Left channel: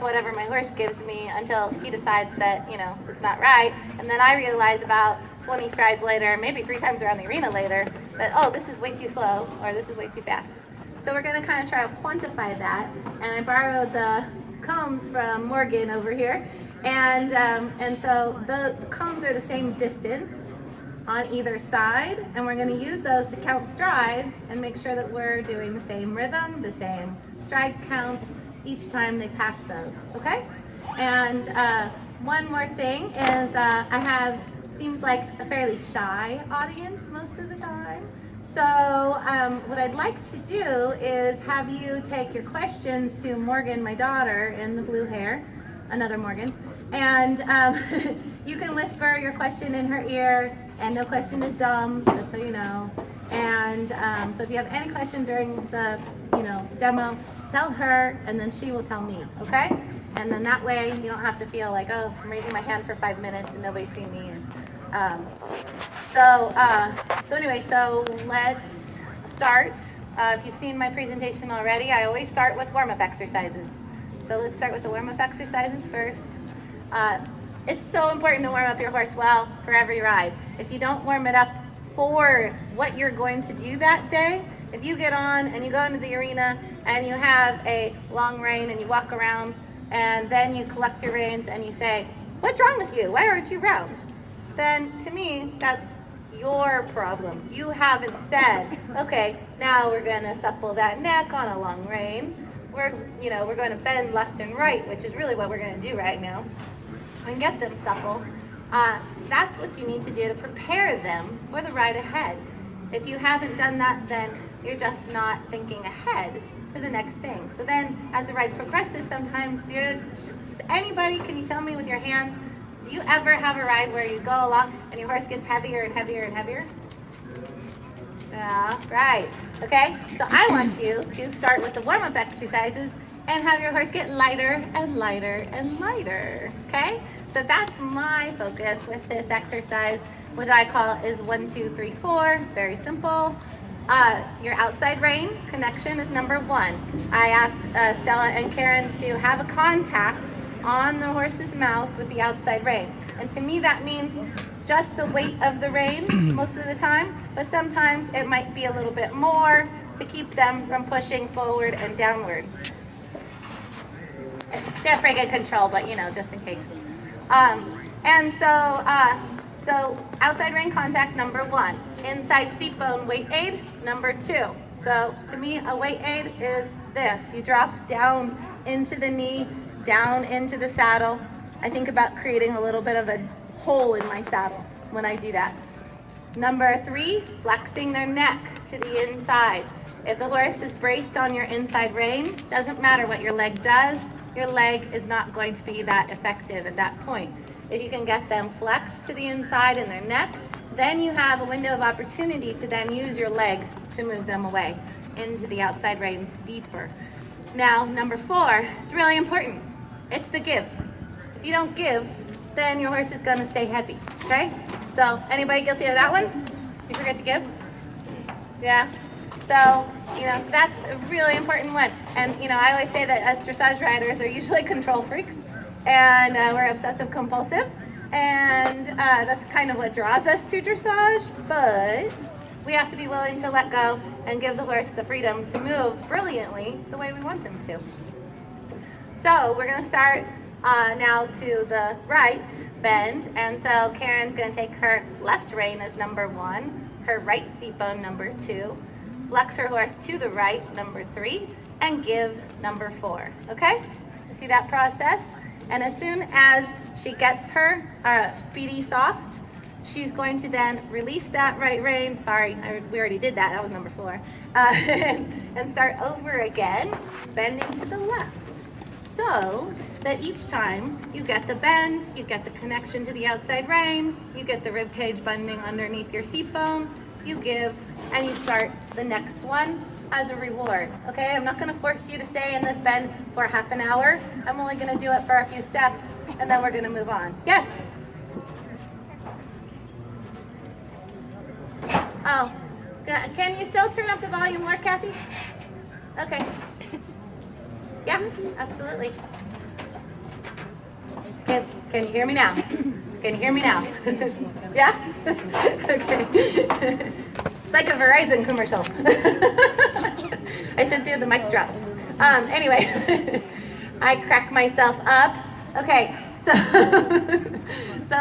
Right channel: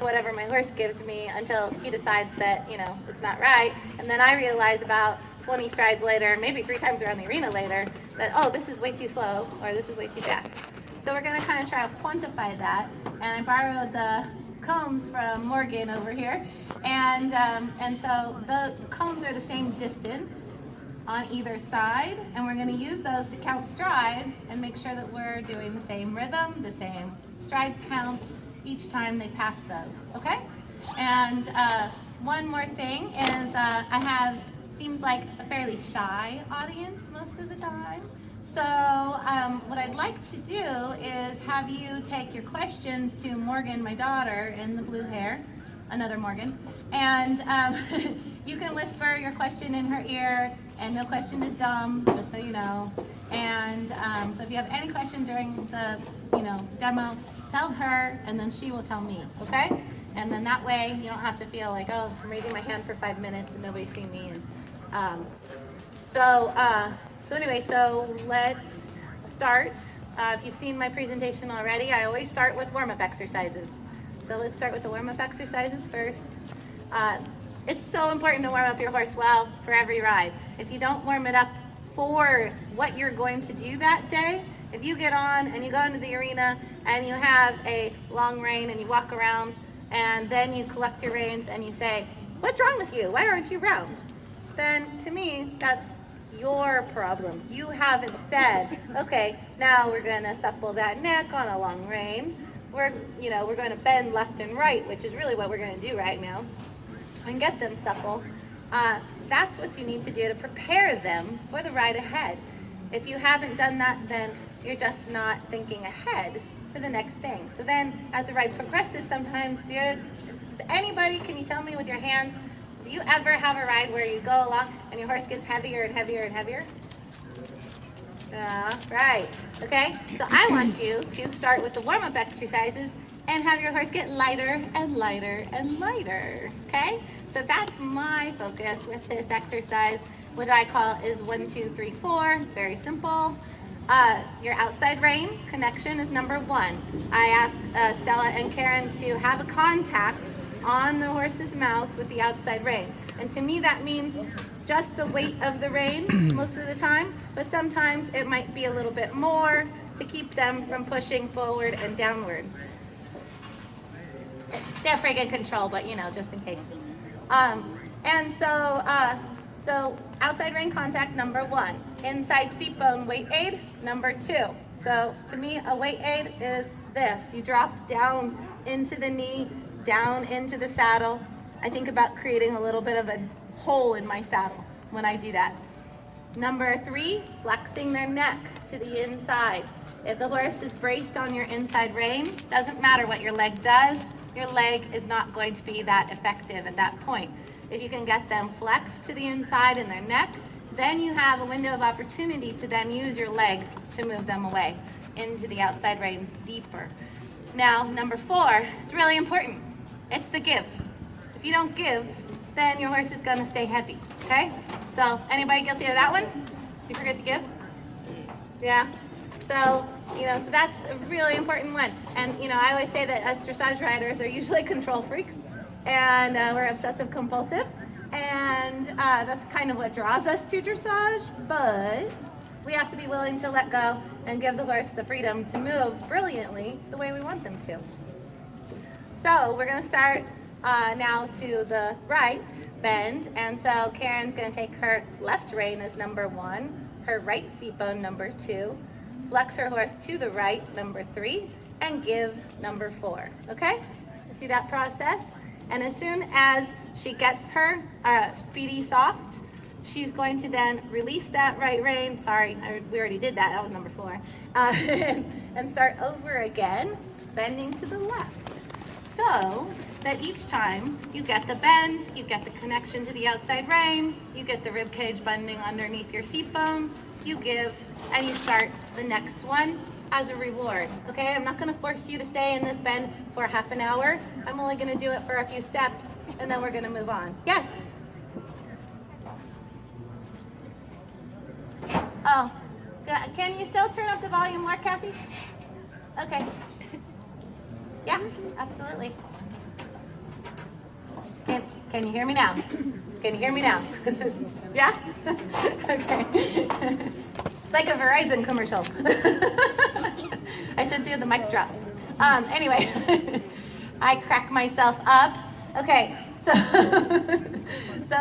with whatever my horse gives me until he decides that, you know, it's not right. And then I realize about 20 strides later, maybe 3 times around the arena later, that, oh, this is way too slow, or this is way too fast. So we're going to kind of try to quantify that. And I borrowed the cones from Morgan over here. And so the cones are the same distance on either side, and we're going to use those to count strides and make sure that we're doing the same rhythm, the same stride count each time they pass those, okay? And one more thing is I have, seems like a fairly shy audience most of the time. So what I'd like to do is have you take your questions to Morgan, my daughter, in the blue hair, another Morgan, and you can whisper your question in her ear, and no question is dumb, just so you know. And so if you have any question during the, you know, demo, tell her, and then she will tell me, okay? And then that way you don't have to feel like, oh, I'm raising my hand for 5 minutes and nobody's seeing me. And so anyway, so let's start. If you've seen my presentation already, I always start with warm-up exercises. So let's start with the warm-up exercises first. It's so important to warm up your horse well for every ride. If you don't warm it up for what you're going to do that day, if you get on and you go into the arena and you have a long rein and you walk around and then you collect your reins and you say, what's wrong with you? Why aren't you round? Then to me, that's your problem. You haven't said, okay, now we're going to supple that neck on a long rein. We're going to bend left and right, which is really what we're going to do right now, and get them supple. That's what you need to do to prepare them for the ride ahead. If you haven't done that, then you're just not thinking ahead to the next thing. So then, as the ride progresses, sometimes, anybody, can you tell me with your hands, do you ever have a ride where you go along and your horse gets heavier and heavier and heavier? Right. Okay, so I want you to start with the warm-up exercises and have your horse get lighter and lighter and lighter, okay? So that's my focus with this exercise. What I call is 1, 2, 3, 4, very simple. Your outside rein connection is number 1. I asked Stella and Karen to have a contact on the horse's mouth with the outside rein. And to me that means just the weight of the rein most of the time, but sometimes it might be a little bit more to keep them from pushing forward and downward. They're pretty good control, but you know, just in case. So outside rein contact, number 1. Inside seat bone weight aid, number 2. So to me, a weight aid is this. You drop down into the knee, down into the saddle. I think about creating a little bit of a hole in my saddle when I do that. Number 3, flexing their neck to the inside. If the horse is braced on your inside rein, doesn't matter what your leg does, your leg is not going to be that effective at that point. If you can get them flexed to the inside in their neck, then you have a window of opportunity to then use your leg to move them away into the outside rein deeper. Now, number 4 is really important. It's the give. If you don't give, then your horse is going to stay heavy, okay? So, anybody guilty of that one? You forget to give? Yeah? So, so that's a really important one. And, I always say that as dressage riders are usually control freaks, and we're obsessive compulsive, and that's kind of what draws us to dressage, but we have to be willing to let go and give the horse the freedom to move brilliantly the way we want them to. So we're going to start now to the right bend, and so Karen's going to take her left rein as number 1, her right seat bone number 2, flex her horse to the right, number 3, and give, number 4, okay? See that process? And as soon as she gets her speedy soft, she's going to then release that right rein. Sorry, we already did that. That was number 4. And start over again, bending to the left. So that each time you get the bend, you get the connection to the outside rein, you get the rib cage bending underneath your seat bone, you give, and you start the next one as a reward, okay? I'm not gonna force you to stay in this bend for half an hour. I'm only gonna do it for a few steps, and then we're gonna move on. Yes? Oh, can you still turn up the volume more, Kathy? Okay. Yeah, absolutely. Can you hear me now? Can you hear me now? Yeah? Okay. It's like a Verizon commercial. I should do the mic drop. Anyway, I crack myself up. Okay, so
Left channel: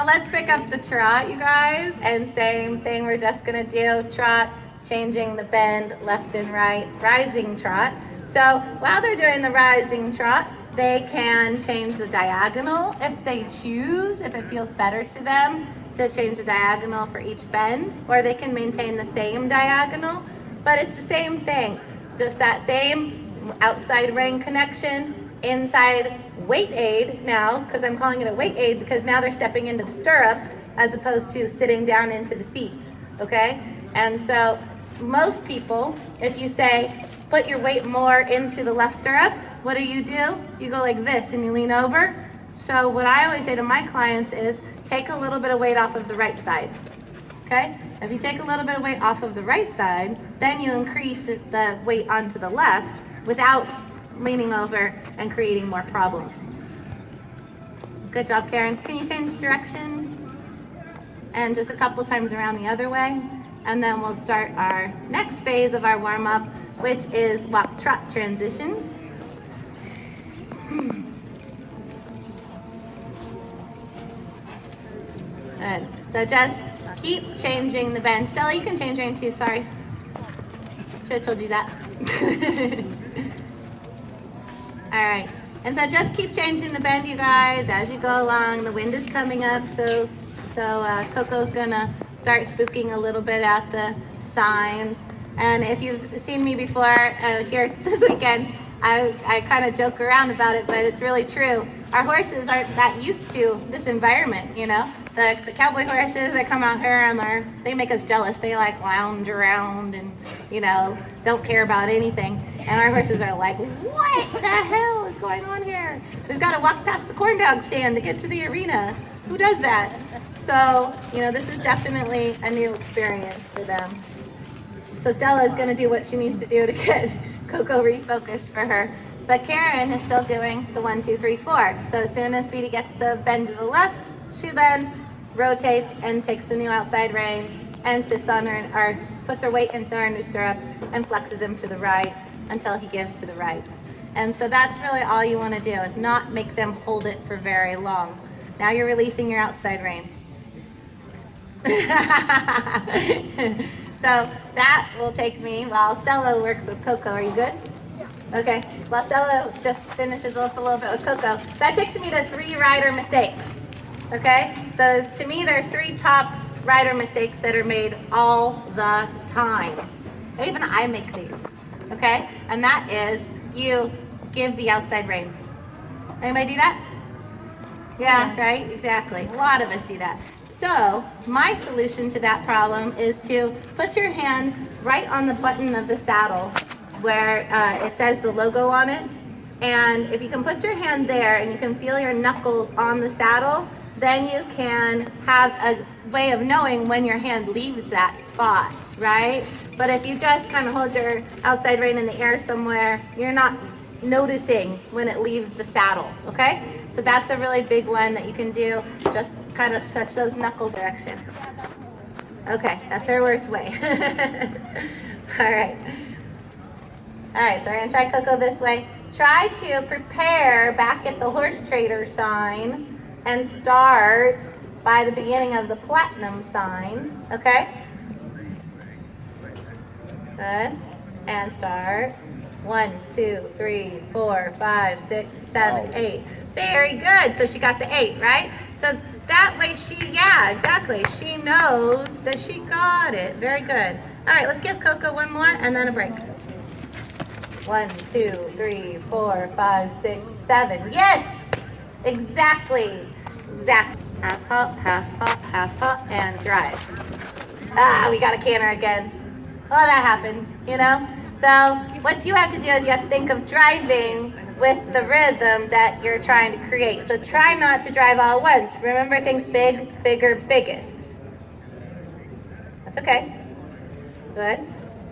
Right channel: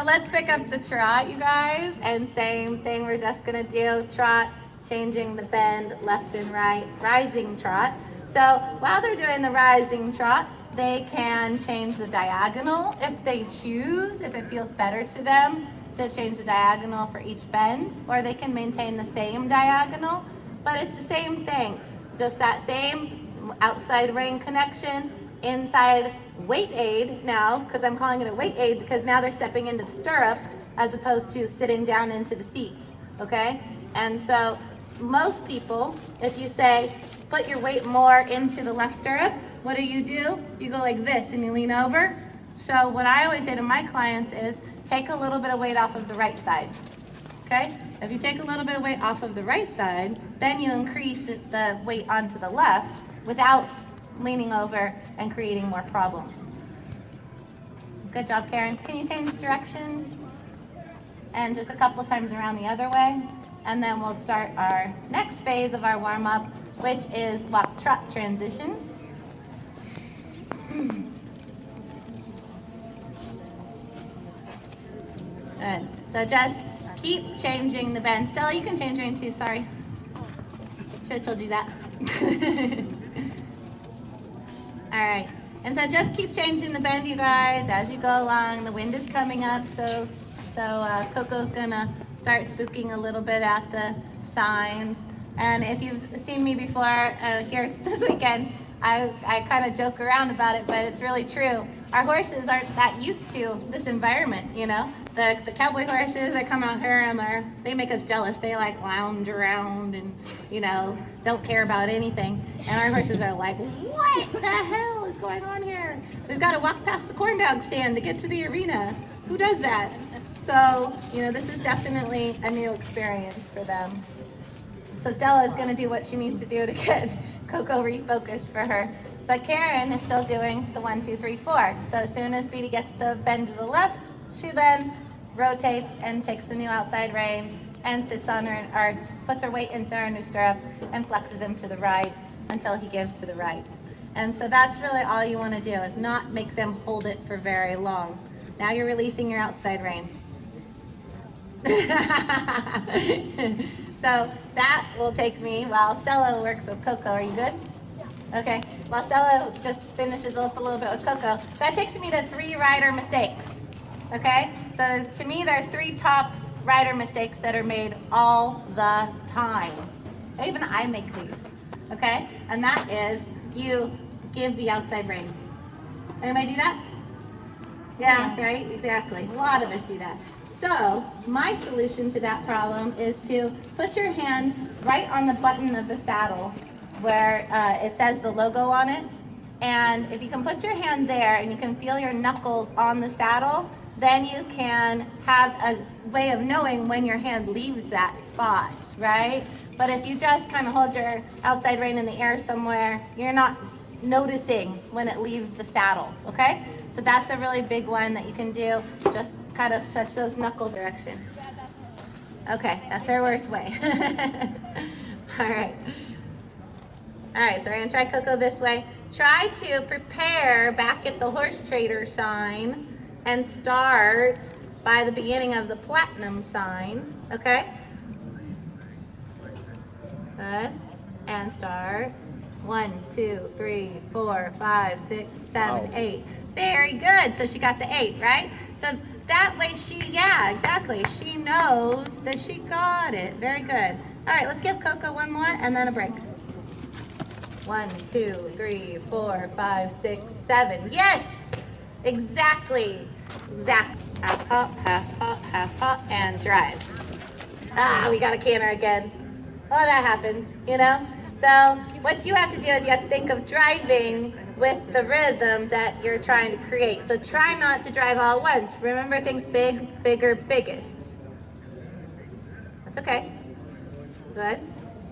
let's pick up the trot, you guys. And same thing, we're just gonna do trot, changing the bend left and right, rising trot. So while they're doing the rising trot, they can change the diagonal if they choose, if it feels better to them to change the diagonal for each bend, or they can maintain the same diagonal, but it's the same thing. Just that same outside rein connection, inside weight aid now, because I'm calling it a weight aid because now they're stepping into the stirrup as opposed to sitting down into the seat, okay? And so most people, if you say, put your weight more into the left stirrup, what do? You go like this and you lean over. So what I always say to my clients is take a little bit of weight off of the right side, okay? If you take a little bit of weight off of the right side, then you increase the weight onto the left without leaning over and creating more problems. Good job, Karen. Can you change direction? And just a couple times around the other way. And then we'll start our next phase of our warm-up, which is walk-trot transitions. Good. So just keep changing the bend. Stella, you can change rein too, sorry. Should have told you that. All right. And so just keep changing the bend, you guys, as you go along. The wind is coming up, so Coco's gonna start spooking a little bit at the signs. And if you've seen me before here this weekend, I kind of joke around about it, but it's really true. Our horses aren't that used to this environment, you know. The cowboy horses that come out here and they make us jealous. They like lounge around and, you know, don't care about anything. And our horses are like, what the hell is going on here? We've got to walk past the corn dog stand to get to the arena. Who does that? So, you know, this is definitely a new experience for them. So Stella is going to do what she needs to do to get Coco refocused for her. But Karen is still doing the 1, 2, 3, 4. So as soon as Speedy gets the bend to the left, she then rotates and takes the new outside rein and sits on her, or puts her weight into her new stirrup and flexes him to the right until he gives to the right. And so that's really all you want to do, is not make them hold it for very long. Now you're releasing your outside rein. So that will take me while Stella works with Coco. Are you good? Yeah. Okay. While Stella just finishes up a little bit with Coco, that takes me to 3 rider mistakes. Okay? So to me, there's 3 top rider mistakes that are made all the time. Even I make these. Okay? And that is you give the outside rein. Anybody do that? Yeah, right? Exactly. A lot of us do that. So my solution to that problem is to put your hand right on the button of the saddle where it says the logo on it. And if you can put your hand there and you can feel your knuckles on the saddle, then you can have a way of knowing when your hand leaves that spot, right? But if you just kind of hold your outside rein in the air somewhere, you're not noticing when it leaves the saddle, okay? So that's a really big one that you can do. Just kind of touch those knuckles direction. Okay, that's our worst way. All right. All right, so we're gonna try Coco this way. Try to prepare back at the horse trader sign and start by the beginning of the platinum sign, okay? Good, and start. 1, 2, 3, 4, 5, 6, 7, 8. Very good, so she got the 8, right? So that way yeah, exactly. She knows that she got it. Very good. All right, let's give Coco one more and then a break. 1, 2, 3, 4, 5, 6, 7. Yes! Exactly. Exactly. Half hop, half hop, and drive. Ah, we got a canter again. Oh, that happens, you know? So what you have to do is you have to think of driving with the rhythm that you're trying to create. So try not to drive all at once. Remember, think big, bigger, biggest. That's okay. Good.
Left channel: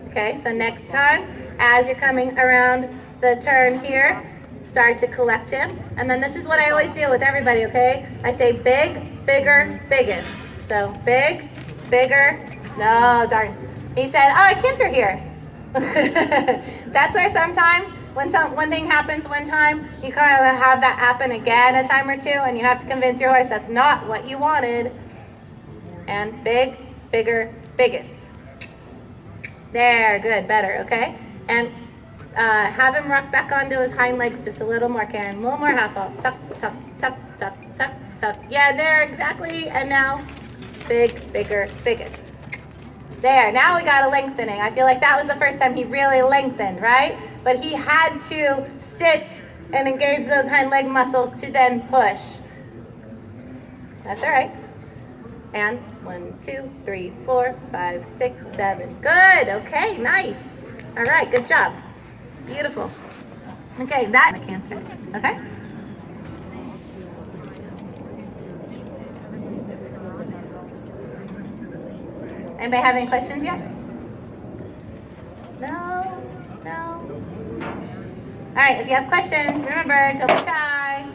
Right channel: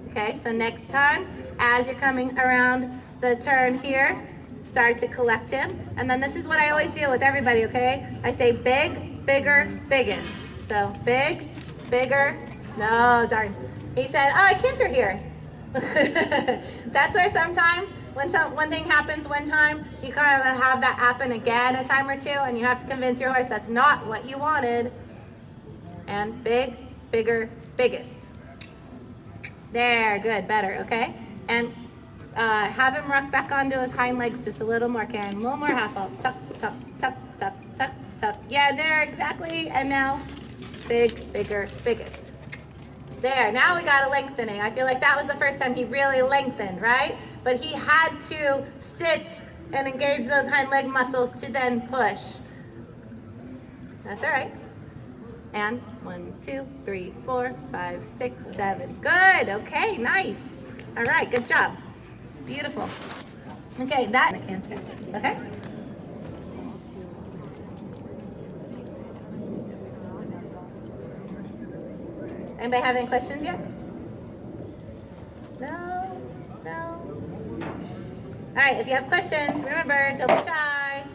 Okay, so next time, as you're coming around the turn here, start to collect him. And then this is what I always do with everybody, okay? I say big, bigger, biggest. So big, bigger, no, darn. He said, oh, I canter here. That's where sometimes when one thing happens one time, you kind of have that happen again a time or two, and you have to convince your horse that's not what you wanted. And big, bigger, biggest. There, good, better, okay? And have him rock back onto his hind legs just a little more, Karen. One more half off. Tuck, tuck, tuck, tuck, tuck, tuck. Yeah, there, exactly. And now, big, bigger, biggest. There, now we got a lengthening. I feel like that was the first time he really lengthened, right? But he had to sit and engage those hind leg muscles to then push. That's all right. And 1, 2, 3, 4, 5, 6, 7. Good, okay, nice. All right, good job. Beautiful. Okay, that I can't say. Okay? Anybody have any questions yet? No? No? All right, if you have questions, remember, don't be shy.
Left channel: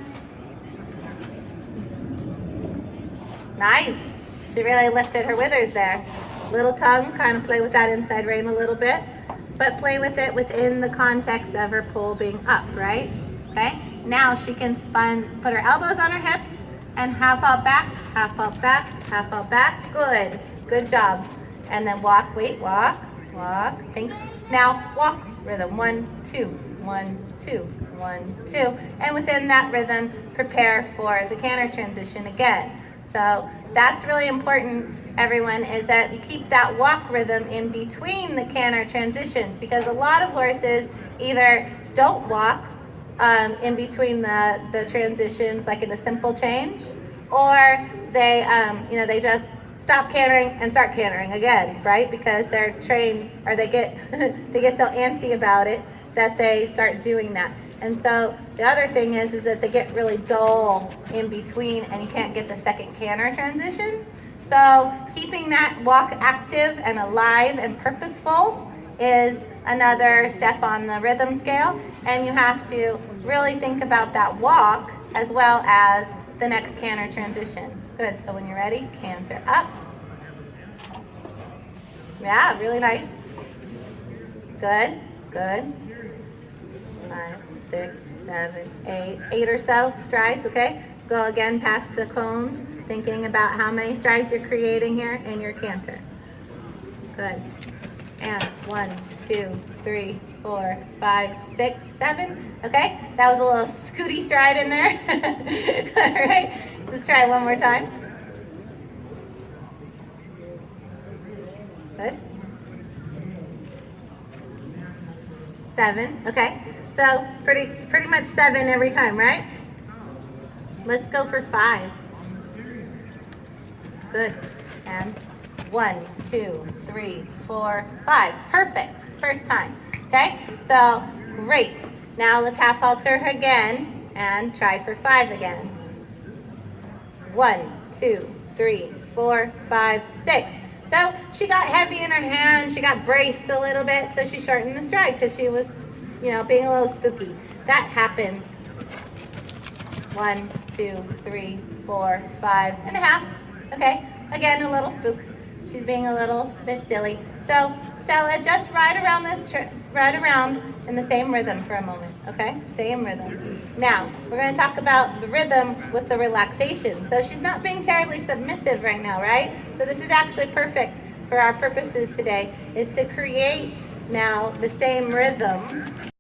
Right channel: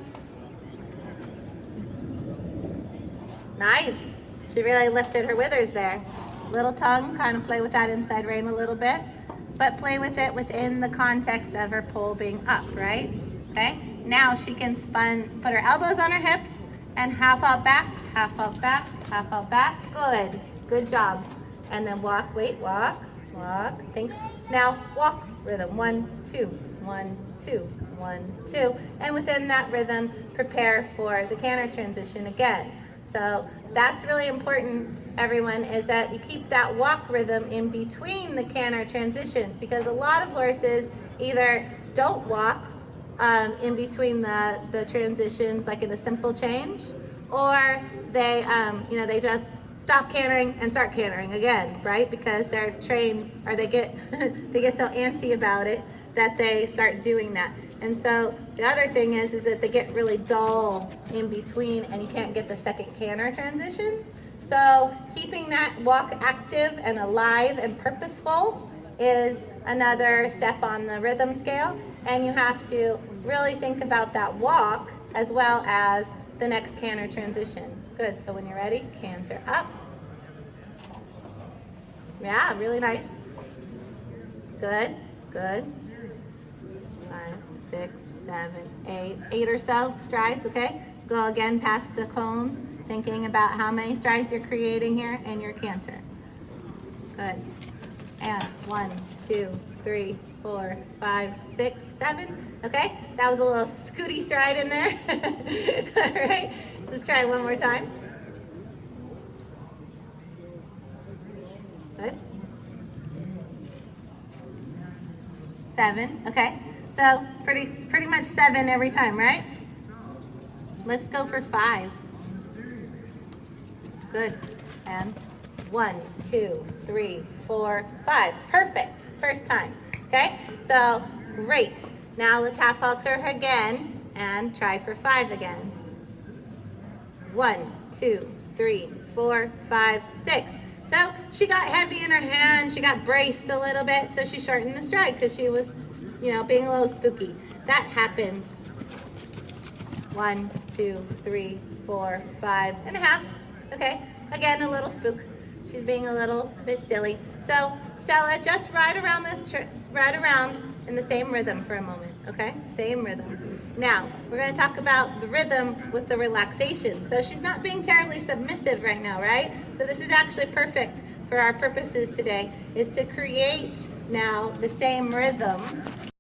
Nice. She really lifted her withers there. Little tongue, kind of play with that inside rein a little bit, but play with it within the context of her pole being up, right? Okay? Now she can put her elbows on her hips and half out back, half out back, half out back. Good. Good job. And then walk, wait, walk, walk, think. Now walk rhythm, 1, 2, 1, 2, 1, 2. And within that rhythm, prepare for the canter transition again. So that's really important, everyone, is that you keep that walk rhythm in between the canter transitions, because a lot of horses either don't walk in between the transitions, like in a simple change, or they, they just stop cantering and start cantering again, right? Because they're trained, or they get they get so antsy about it that they start doing that. And so the other thing is that they get really dull in between, and you can't get the second canter transition. So keeping that walk active and alive and purposeful is another step on the rhythm scale. And you have to really think about that walk as well as the next canter transition. Good, so when you're ready, canter up. Yeah, really nice. Good, good. 5, 6, 7, 8 or so strides, okay? Go again past the cones, thinking about how many strides you're creating here in your canter. Good. And 1, 2, 3, 4, 5, 6, 7. Okay? That was a little scooty stride in there. All right? Let's try it one more time. Good. 7. Okay. So pretty much 7 every time, right? Let's go for 5. Good. And 1, 2, 3, 4, 5. Perfect. First time. Okay? So great. Now let's half alter her again and try for 5 again. 1, 2, 3, 4, 5, 6. So she got heavy in her hand. She got braced a little bit, so she shortened the stride because she was, being a little spooky. That happens. 1, 2, 3, 4, 5 and a half. Okay, again, a little spook. She's being a little bit silly. So Stella, just ride around in the same rhythm for a moment. Okay, same rhythm. Now we're going to talk about the rhythm with the relaxation. So she's not being terribly submissive right now, right? So this is actually perfect for our purposes today, is to create now the same rhythm